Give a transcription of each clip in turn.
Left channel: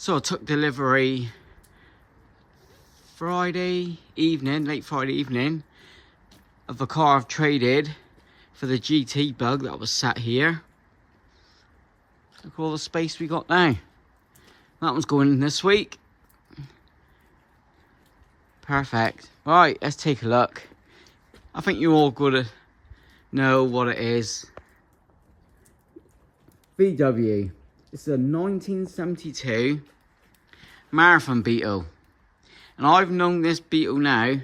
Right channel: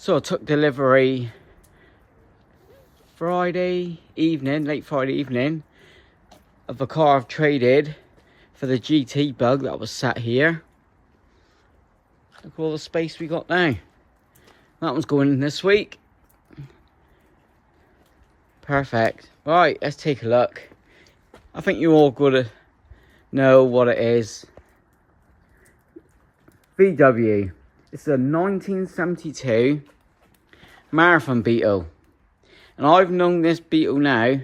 So I took delivery Friday evening, late Friday evening, of the car I've traded for the GT Bug that was sat here. Look at all the space we got now. That one's going in this week. Perfect. Right, let's take a look. I think you all gotta know what it is. VW. It's a 1972 Marathon Beetle. And I've known this Beetle now,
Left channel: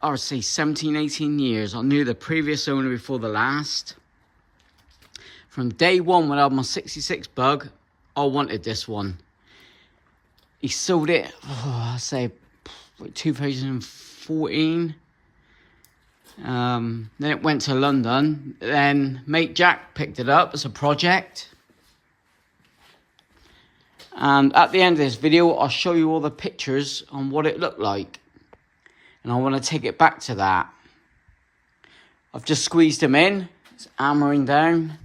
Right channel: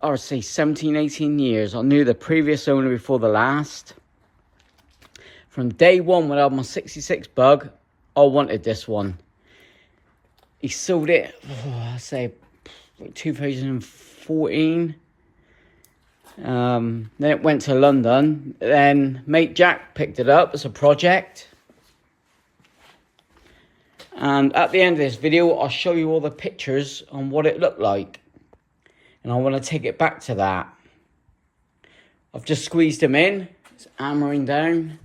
I would say 17, 18 years. I knew the previous owner before the last. From day one when I had my 66 Bug, I wanted this one. He sold it, I say, 2014. Then it went to London. Then mate Jack picked it up as a project. And at the end of this video, I'll show you all the pictures on what it looked like. And I want to take it back to that. I've just squeezed him in. It's hammering down.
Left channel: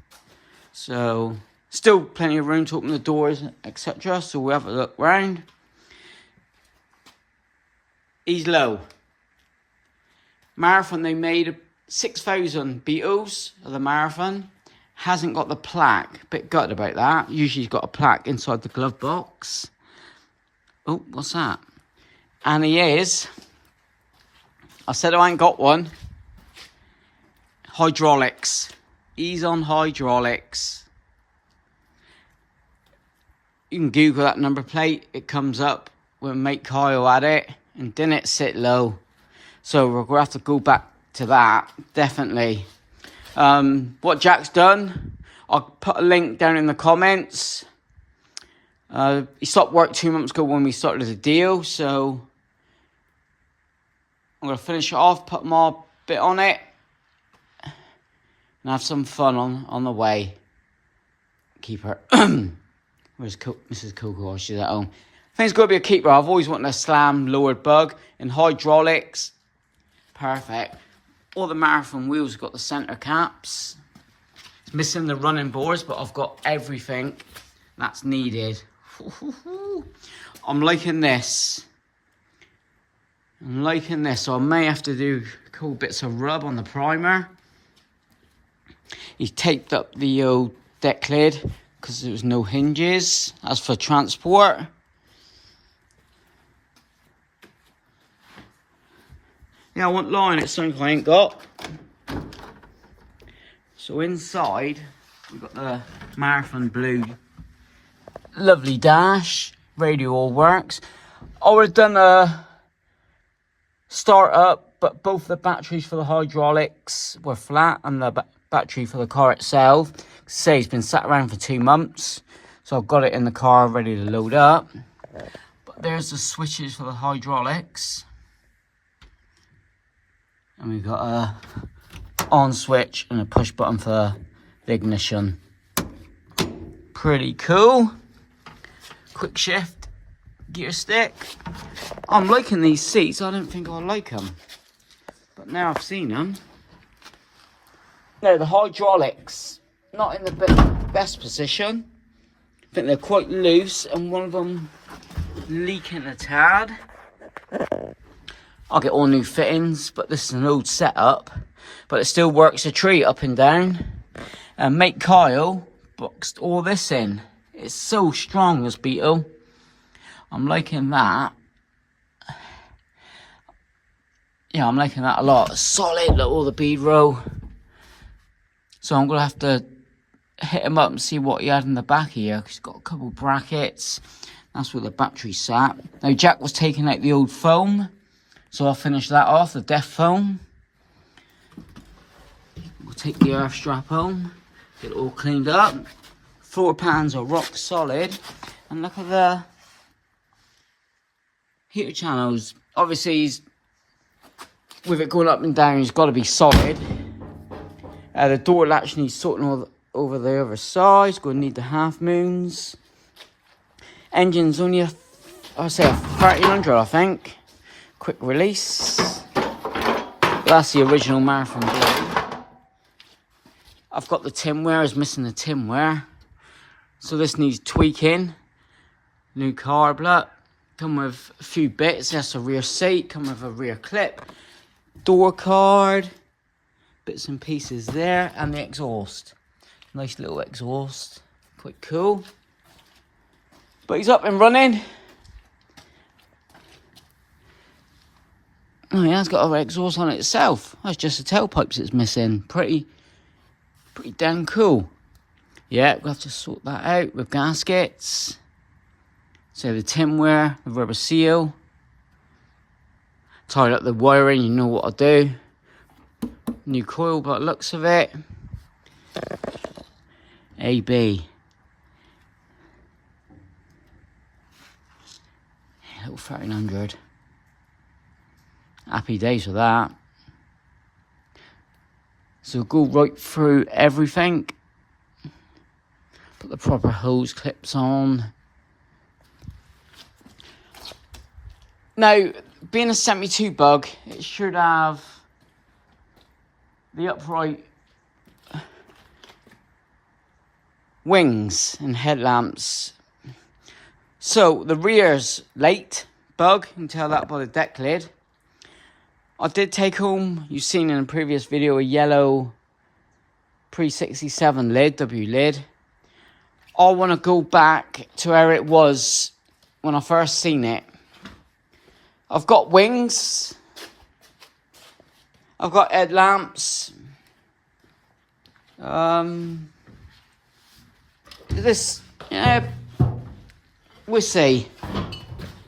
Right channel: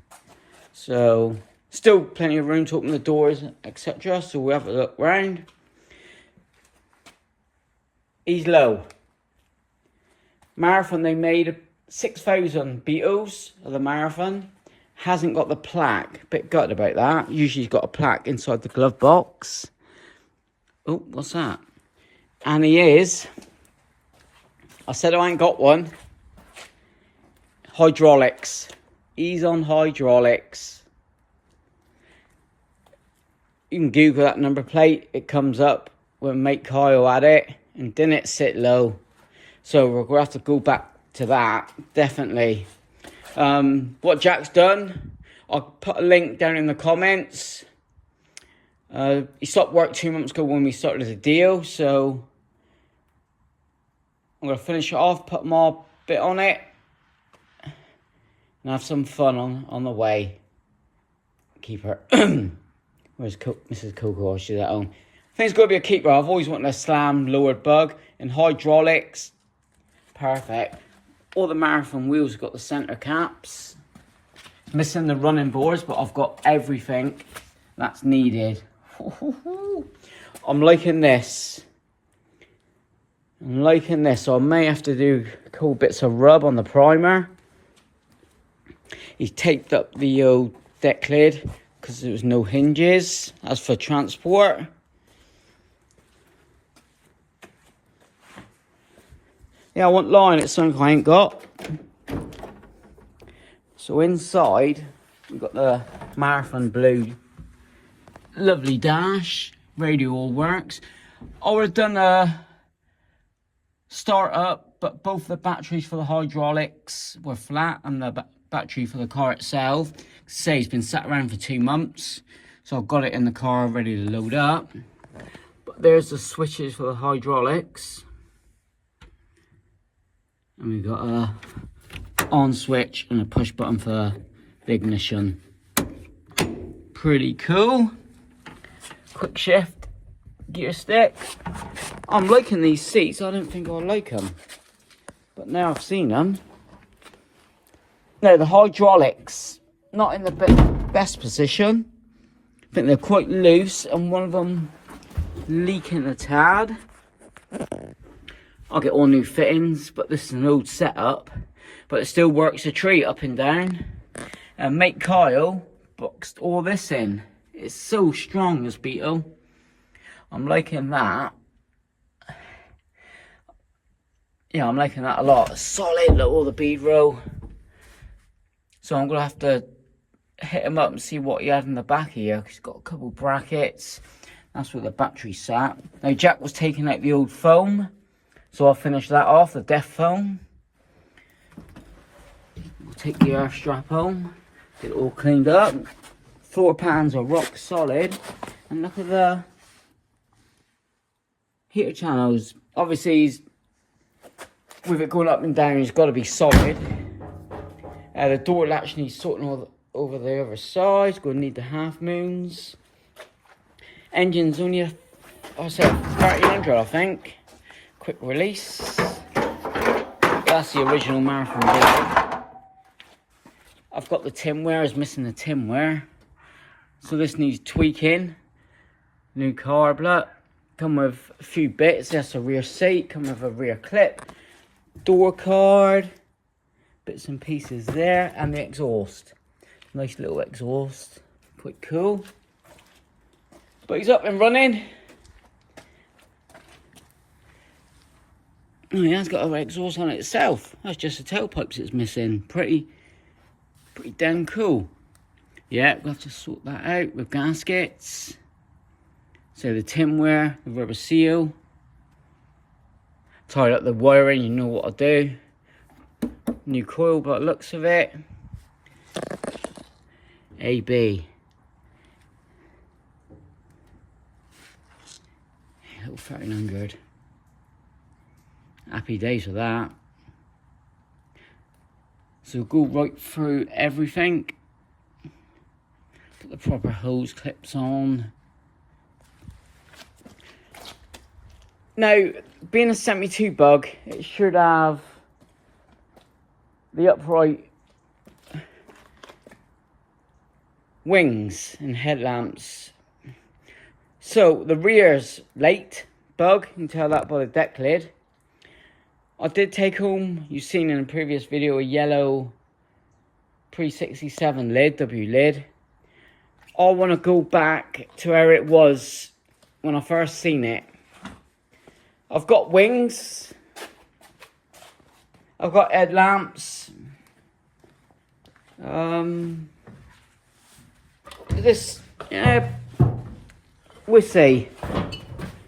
So, still plenty of room to open the doors, etc. So we'll have a look round. He's low. Marathon, they made 6,000 Beetles of the Marathon. Hasn't got the plaque. Bit gutted about that. Usually he's got a plaque inside the glove box. Oh, what's that? And he is, I said I ain't got one. Hydraulics. He's on hydraulics. You can Google that number plate. It comes up when mate Kyle had it. And didn't it sit low? So we're going to have to go back to that. Definitely. What Jack's done, I'll put a link down in the comments. He stopped work 2 months ago when we started the deal, so I'm going to finish it off, put my bit on it, and have some fun on the way. Keep her. Where's Mrs. Coco? She's at home. I think it's going to be a keeper. I've always wanted a slam lowered Bug in hydraulics. Perfect. All the Marathon wheels have got the center caps. It's missing the running boards, but I've got everything that's needed. I'm liking this. So I may have to do cool bits of rub on the primer. He's taped up the old deck lid because there was no hinges. That's for transport. Yeah, I won't lie, it's something I ain't got. So inside, we've got the Marathon Blue. Lovely dash. Radio all works. I would have done a start up, but both the batteries for the hydraulics were flat and the battery for the car itself. Say it's been sat around for 2 months. So I've got it in the car ready to load up. But there's the switches for the hydraulics. And we've got a on switch and a push button for the ignition. Pretty cool. Quick shift gear stick. I'm liking these seats. I didn't think I'd like them, but now I've seen them. No, the hydraulics not in the best position. I think they're quite loose and one of them leaking a tad. I'll get all new fittings, but this is an old setup. But it still works a treat up and down. And mate Kyle boxed all this in. It's so strong, this Beetle. I'm liking that. Yeah, I'm liking that a lot. Solid, look, all the bead row. So I'm going to have to hit him up and see what he had in the back here. He's got a couple brackets. That's where the battery sat. Now, Jack was taking out the old foam. So I'll finish that off, the death foam. We'll take the earth strap home, get it all cleaned up. Floor pans are rock solid. And look at the heater channels. Obviously, with it going up and down, it's got to be solid. The door latch needs sorting over the other side. It's going to need the half moons. Engine's only I'll say 1300, I think. Quick release. That's the original Marathon board. I've got the tinware, is missing the tinware. So this needs tweaking. New carb look. Come with a few bits. That's a rear seat. Come with a rear clip. Door card. Bits and pieces there. And the exhaust. Nice little exhaust. Quite cool. But he's up and running. Oh, yeah, it's got an exhaust on it itself. That's just the tailpipes it's missing. Pretty damn cool. Yeah, we'll have to sort that out with gaskets. So the tinware, the rubber seal. Tied up the wiring, you know what I'll do. New coil by the looks of it. AB. Little 1300. Happy days with that. So go right through everything. Put the proper hose clips on. Now, being a 72 bug, it should have the upright wings and headlamps. So the rear's late bug, you can tell that by the deck lid. I did take home, you've seen in a previous video, a yellow pre-67 lid, W lid. I want to go back to where it was when I first seen it. I've got wings. I've got headlamps. We'll see.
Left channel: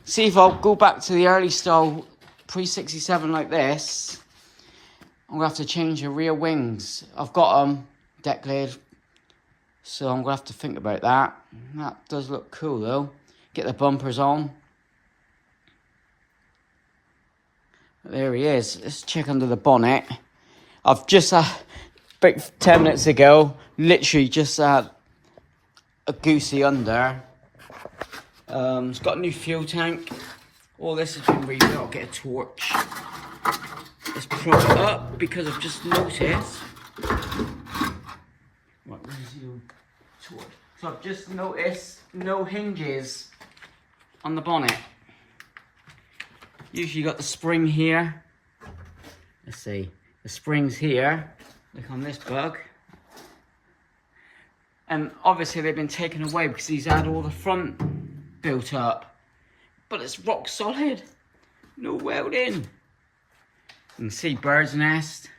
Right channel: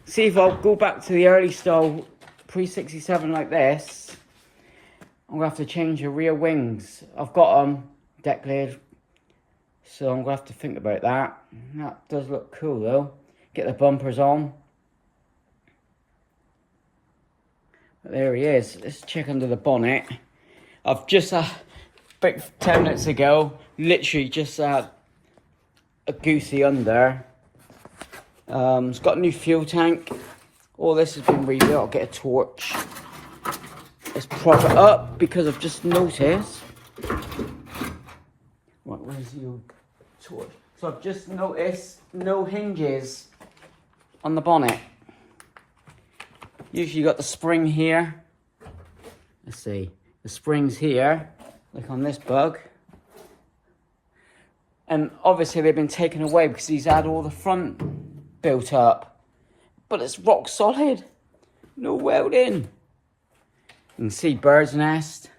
See if I'll go back to the early style pre-67 like this. I'm going to have to change the rear wings. I've got them, deck lid. So I'm going to have to think about that. That does look cool though. Get the bumpers on. There he is. Let's check under the bonnet. I've just, about 10 minutes ago, literally just had a goosey under. It's got a new fuel tank. All this has been rebuilt. I'll get a torch. Let's prop it up because I've just noticed. Where's your torch? So I've just noticed no hinges on the bonnet. Usually you got the spring here. Let's see. The spring's here. Like on this bug. And obviously they've been taken away because he's had all the front built up. But it's rock solid. No welding. You can see bird's nest.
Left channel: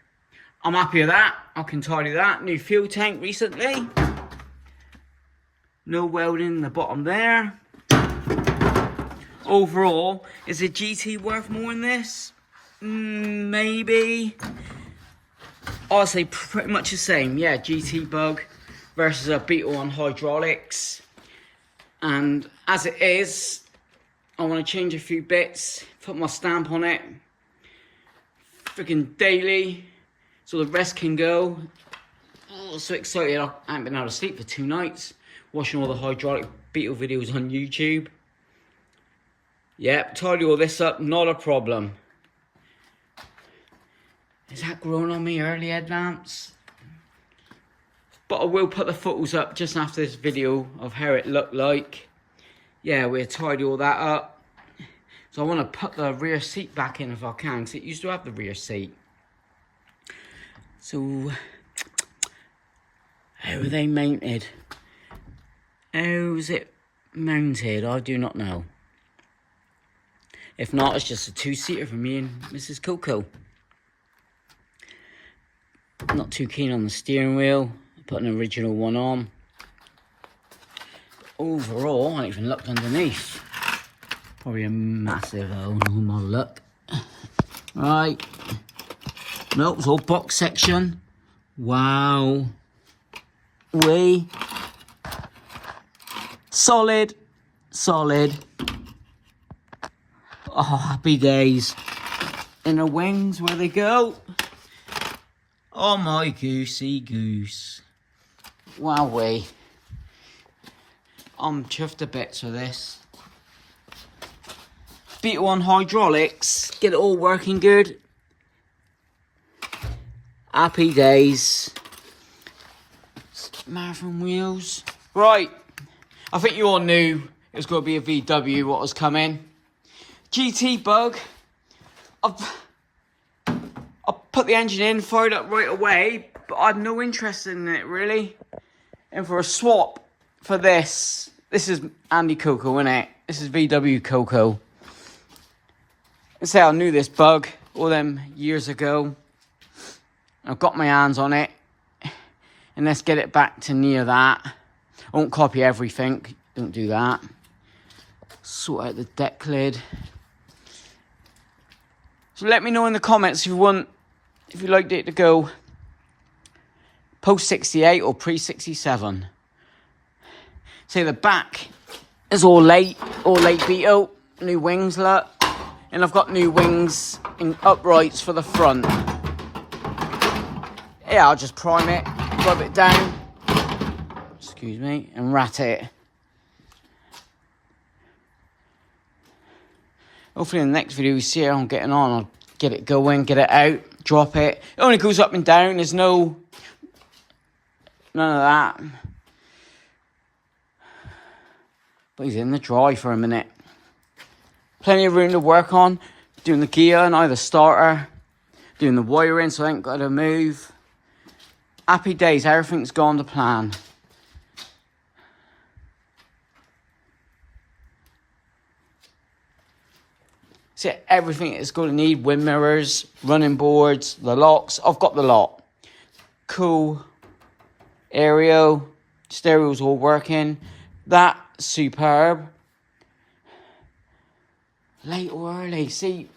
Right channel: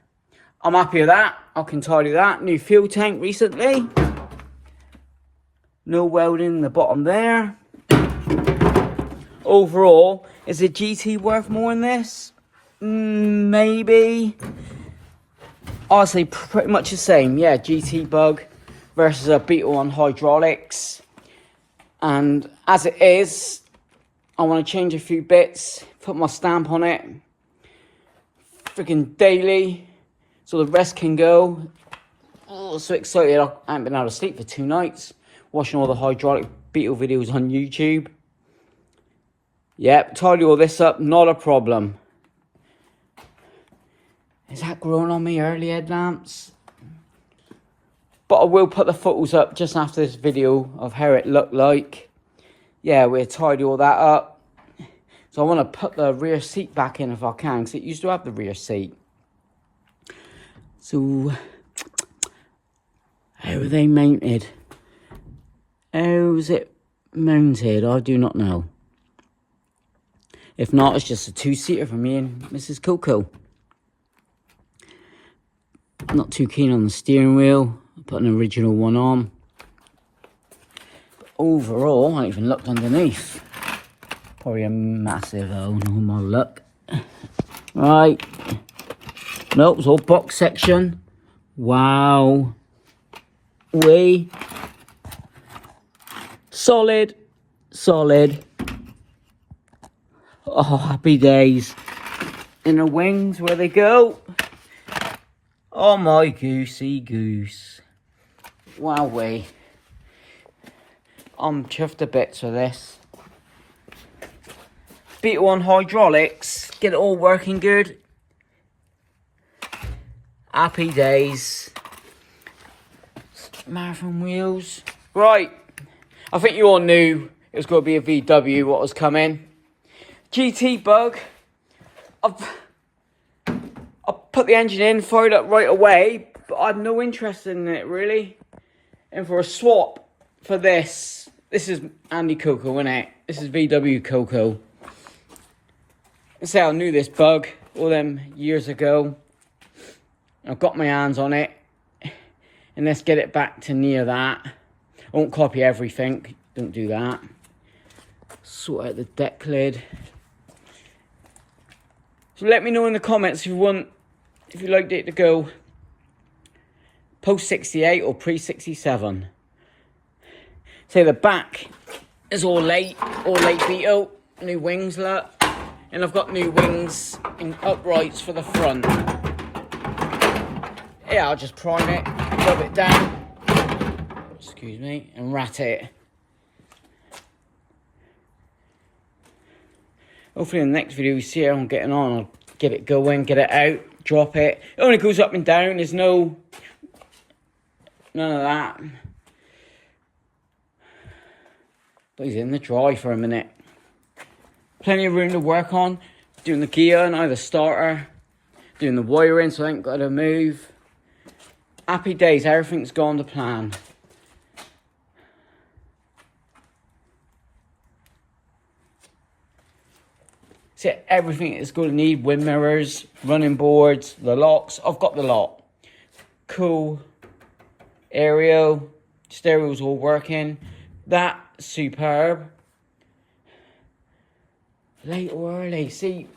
I'm happy with that. I can tidy that. New fuel tank recently. No welding in the bottom there. Overall, is a GT worth more than this? Maybe. Honestly, pretty much the same. Yeah, GT bug versus a Beetle on hydraulics. And as it is, I want to change a few bits, put my stamp on it. Freaking daily, so the rest can go. Oh, so excited. I haven't been able to sleep for 2 nights. Watching all the hydraulic Beetle videos on YouTube. Yep, tidy all this up, not a problem. Is that growing on me, early headlamps? But I will put the photos up just after this video of how it looked like. Yeah, we'll tidy all that up. So I want to put the rear seat back in if I can, because it used to have the rear seat. So, how are they mounted? How's it mounted? I do not know. If not, it's just a 2-seater for me and Mrs. Coco. Not too keen on the steering wheel. I put an original one on. But overall, I haven't even looked underneath. Probably a massive hole on my luck. Right. Nope, it's all box section. Wow. Solid. Oh, happy days. And the wings, where they go. Oh, my goosey goose. Wowee. I'm chuffed to bits with this. Beetle on hydraulics. Get it all working good. Happy days. Marathon wheels. Right. I think you all knew it was going to be a VW what was coming. GT Bug. I put the engine in, fired up right away, but I had no interest in it really. And for a swap for this is Andy Coco, isn't it? This is vwcoco. Let's say I knew this bug all them years ago. I've got my hands on it. And let's get it back to near that. I won't copy everything. Don't do that. Sort out the deck lid. So let me know in the comments if you liked it to go post 68 or pre 67. Say the back is all late beat out. New wings, look. And I've got new wings and uprights for the front. Yeah, I'll just prime it, rub it down, excuse me, and rat it. Hopefully in the next video we see how I'm getting on. I'll get it going, get it out, drop it. It only goes up and down, there's none of that. But he's in the dry for a minute. Plenty of room to work on. Doing the gear and either starter. Doing the wiring so I ain't got to move. Happy days, everything's gone to plan. So everything is going to need wind mirrors, running boards, the locks. I've got the lot. Cool. Aerial. Stereo's all working. That's superb. Late or early, see.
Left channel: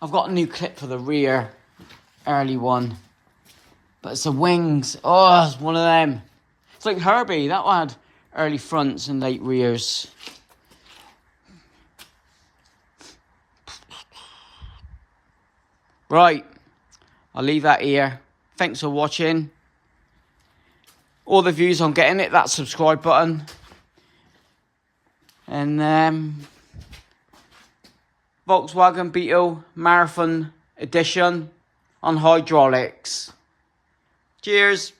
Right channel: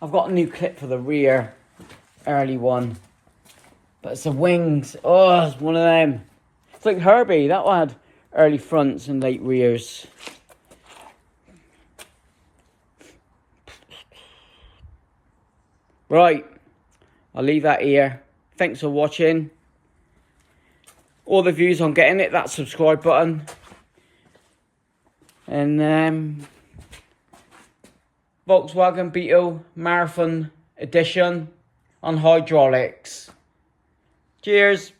I've got a new clip for the rear, early one. But it's the wings. Oh, it's one of them. It's like Herbie, that one had early fronts and late rears. Right, I'll leave that here. Thanks for watching. All the views on getting it, that subscribe button. And Volkswagen Beetle Marathon Edition on hydraulics. Cheers.